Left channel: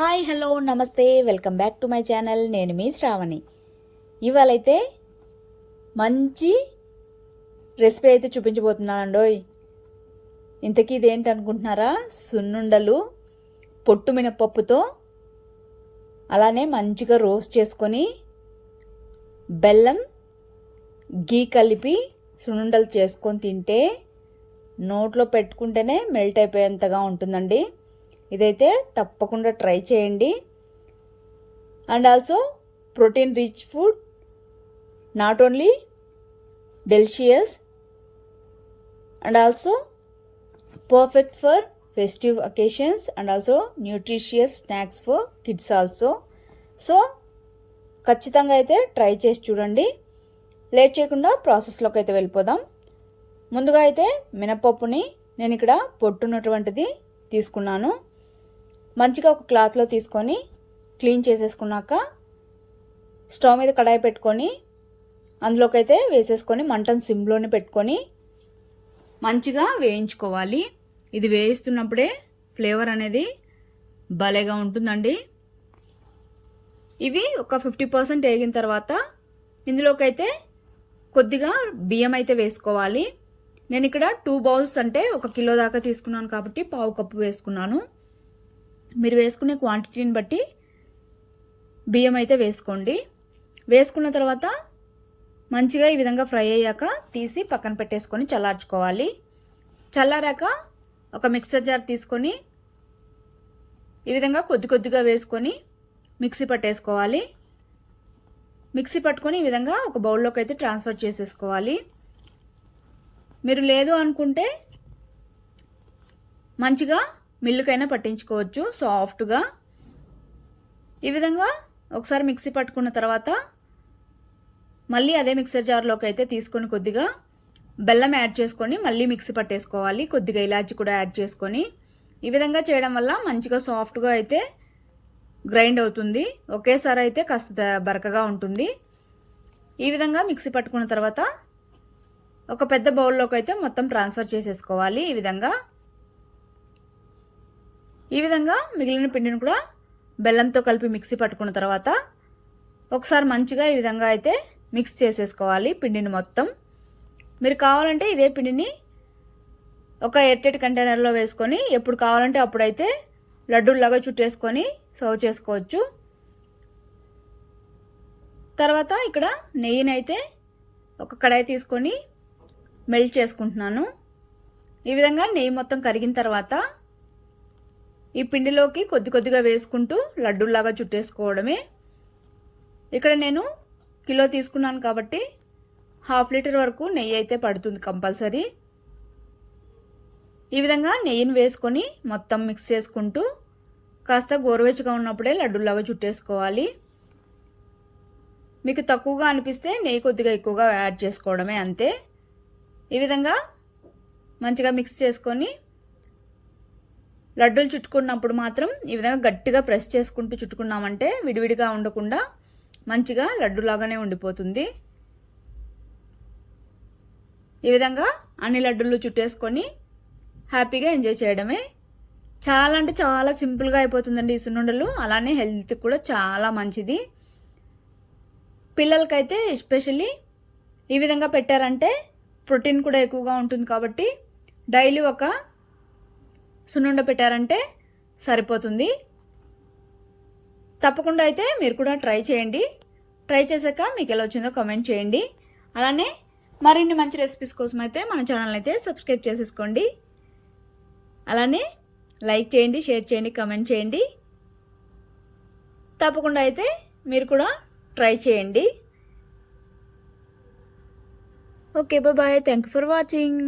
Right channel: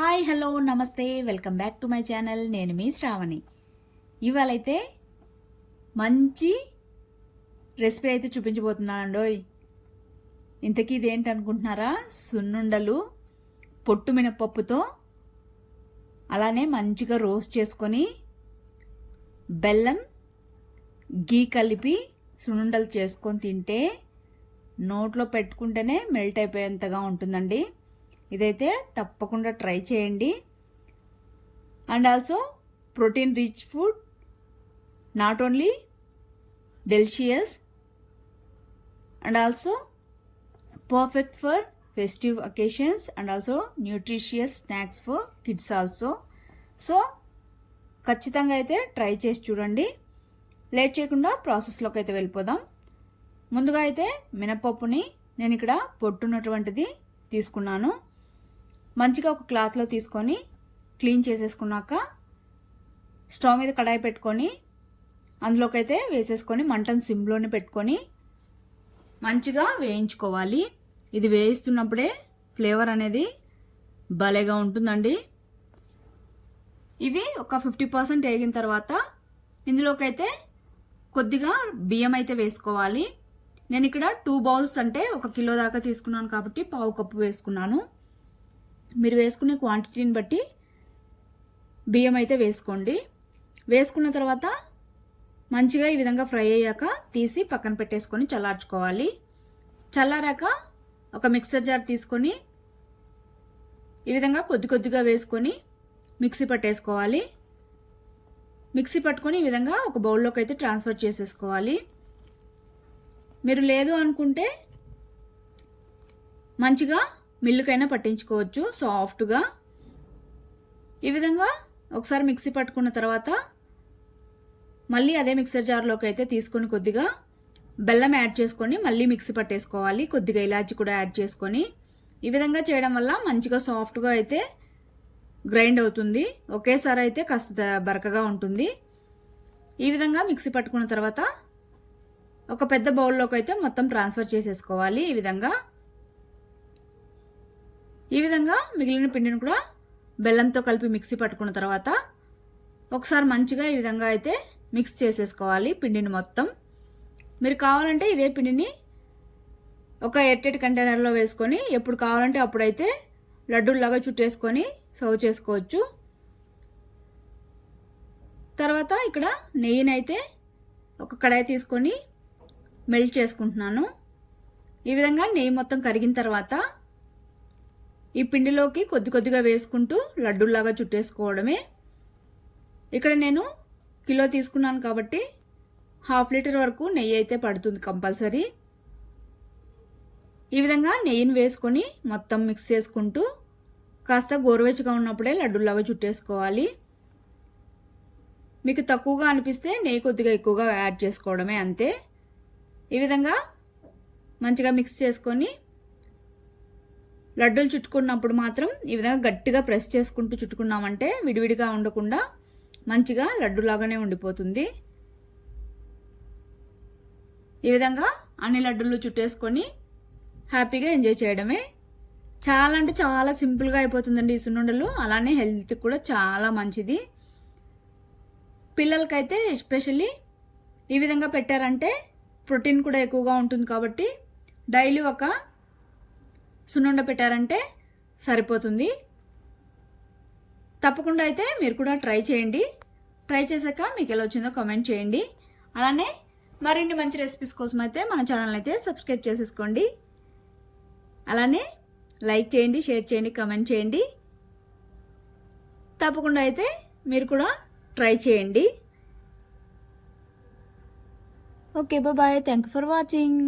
Hi hello నమస్తే welcome back to my channel. నేను మీ శ్రావణి. ఇవాళైతే మంచి రెసిపీ అయితే చూపించబోతున్నానండోయ్. ఇంతకీ ఇదేంటి అనుకుంటున్నారా సున్నుండలు పొట్టు మినపప్పుతో అలానే మంచిగా రోస్ట్ చేసుకొని బెల్లం గీ కలిపి సున్నుండలు చేసుకొని తింటే నోట్లో పెట్టుకుంటేనే మెల్ట్ అయిపోయేంతగా ఉంటుందండి. ఇదైతే తప్పకుండా ట్రై చేయండి. And also protein rich food not only delicious. And also perfect for festive occasions and also nutritious snacks for kids also. So ఖచ్చితంగా అయితే ట్రై చేసి చూడండి. లేట్ చేయకుండా ప్రాసెస్లోకి అయితే వెళ్ళిపోదాం. ముందుగా అయితే మినపప్పుని నేను ఇక్కడ పొట్టున్నటువంటిది తీసుకున్నాను. మంచిగా ఒక క్లాత్లో తీసుకొని క్లీన్ చేసేసుకున్నాక స్టవ్ మీద కడాయి పెట్టుకొని అందులోకైతే వేసేసుకొని మంటను సిమ్లోనే పెట్టుకొని మంచిగా వేయించుకోవాలి. ఇది వేయిస్తున్నప్పుడే ఫ్లేవర్ అనేది భలేగా ఉంటుందండి. ఇవి ఒక ఫిఫ్టీ పర్సెంట్ వేగిన తర్వాత ఇందులోకైతే కొద్దిగా బియ్యం అయితే వేసుకోవాలి. నేను ఇక్కడ టూ బౌల్స్ అంటే ఒక కిలో దాకా తీసుకున్నాను కాబట్టి పావు కప్పు వేసుకున్నాను. మీరు వేసుకునే క్వాంటిటీని బట్టి బియ్యం అయితే వేసుకోండి. వేసుకున్న తర్వాత మంచిగా ఈ విధంగా ఫ్రై అయ్యాక తీసి పక్కన పెట్టేసుకొని చల్లార్చుకోవాలి. చల్లారాక ఒక మిక్సర్ జార్ తీసుకొని ఈ విధంగా కొద్ది కొద్దిగా వేసుకొని మిక్సీ పట్టేసుకోవాలి. మిక్సీ పట్టుకొని ఈ విధంగా ఒక బౌల్లోకి అయితే ట్రాన్స్ఫర్ చేసేసుకోవాలి. మీరు లేదు అనుకుంటే మంచిగా మిల్లుకైనా పట్టించుకోవచ్చు సాఫ్ట్గా. ఈ విధంగా ఒకసారి మిక్సీ పట్టుకున్న తర్వాత మళ్ళీ అదే మిక్సర్ జార్లోకి అయితే తీసుకొని కొద్దిగా బెల్లం యాడ్ చేసుకొని మళ్ళీ మిక్సీ పట్టేసుకోవాలి. కొద్దిగా ఇలాచి కూడా యాడ్ చేసుకొని. ఈ విధంగా చేయడం వల్ల మంచిగా సాఫ్ట్గా అయితే గ్రైండ్ అవుతుంది. ఒకేసారి అయితే కాస్త బరకగా ఉంటుంది. ఈ విధంగా మిక్సీ పట్టుకున్న తర్వాత ఒక పెద్ద బౌల్లోకి అయితే మొత్తం ట్రాన్స్ఫర్ చేసేసుకోవాలి. ఈ విధంగా ఈ విధంగా మిగిలిన పిండిని కూడా బెల్లంతో కలిపి మిక్సీ పట్టుకున్న తర్వాత ఒకసారి మంచిగా ఈ విధంగా అయితే మిక్స్ చేసేసుకోవాలి పిండిని మొత్తం. మీరు కావాలంటే ఇదే పిండిని ఒక ఎట్టెట్ కంటైనర్లో వేసుకొని ఎప్పుడు కావాలంటే అప్పుడైతే లడ్డూలాగా చుట్టేసుకొని సర్వ్ చేసుకోవచ్చు. తర్వాత ఇక్కడ నెయ్యిని అయితే ఒక కడాయి తీసుకొని మెల్ట్ చేసుకుంటున్నాను. ఈ విధంగా నెయ్యి మొత్తం కరిగిన తర్వాత ఈ పిండిలోకి కొద్ది కొద్దిగా వేసుకుంటూ లడ్డూలాగా చుట్టేసుకోవడమే. ఇక్కడ నేను కిలో తీసుకున్నాను కాబట్టి హాఫ్ లీటర్ వరకు నెయ్యి అయితే పడుతుంది కంపల్సరీ. ఈ విధంగా నెయ్యిని వేసుకొని మొత్తం మిక్స్ చేసుకుంటూ కాస్త గోరువెచ్చగా ఉన్నప్పుడే లడ్డూలాగా చుట్టేసుకోవాలి. మీకు తక్కువగా అనిపిస్తే నెయ్యి కొద్దిగా ఎక్కువగా యాడ్ చేసుకోవడమే అంతే. ఈ విధంగా మంచిగా మిక్స్ చేసుకొని లడ్డూలు చుట్టుకున్నప్పుడు మాత్రం ఈ విధంగా గట్టిగా ప్రెస్ చేసుకుంటూ చుట్టుకున్నామంటే విడివిడిగా ఉండకుండా మంచిగా లడ్డులాగానే ఉండిపోతుంది. ఈ విధంగా అన్ని లడ్డూలు చుట్టేసుకొని హ్యాపీగా ఎంజాయ్ చేయడమే. చాలా అంటే చాలా సింపుల్గా అయిపోతుందండి ఈ సున్నుండలు. అలానే హెల్త్ కూడా చాలా మంచిది. పిల్లలకైతే ఎస్పెషల్లీ ఈ విధంగా పెట్టారంటే ప్రోటీన్ కూడా ఎక్కువగా ఉంటుంది కాబట్టి డైలీ ఒక సున్నుండ పెట్టారంటే సరిపోతుంది. తప్పకుండా అయితే మీరు కూడా ట్రై చేయండి. ట్రై చేశాక మీకు ఎలా వచ్చిందో కామెంట్ చేయండి. అలానే మరిన్ని మంచి రెసిపీస్ కోసం అయితే మన ఛానల్ అయితే సబ్స్క్రైబ్ చేసేసుకోండి. అలానే లైక్ చేయండి షేర్ చేయండి కామెంట్ చేయండి. తప్పకుండా అయితే మీరు కూడా ట్రై చేయండి. Okay bye thank you for watching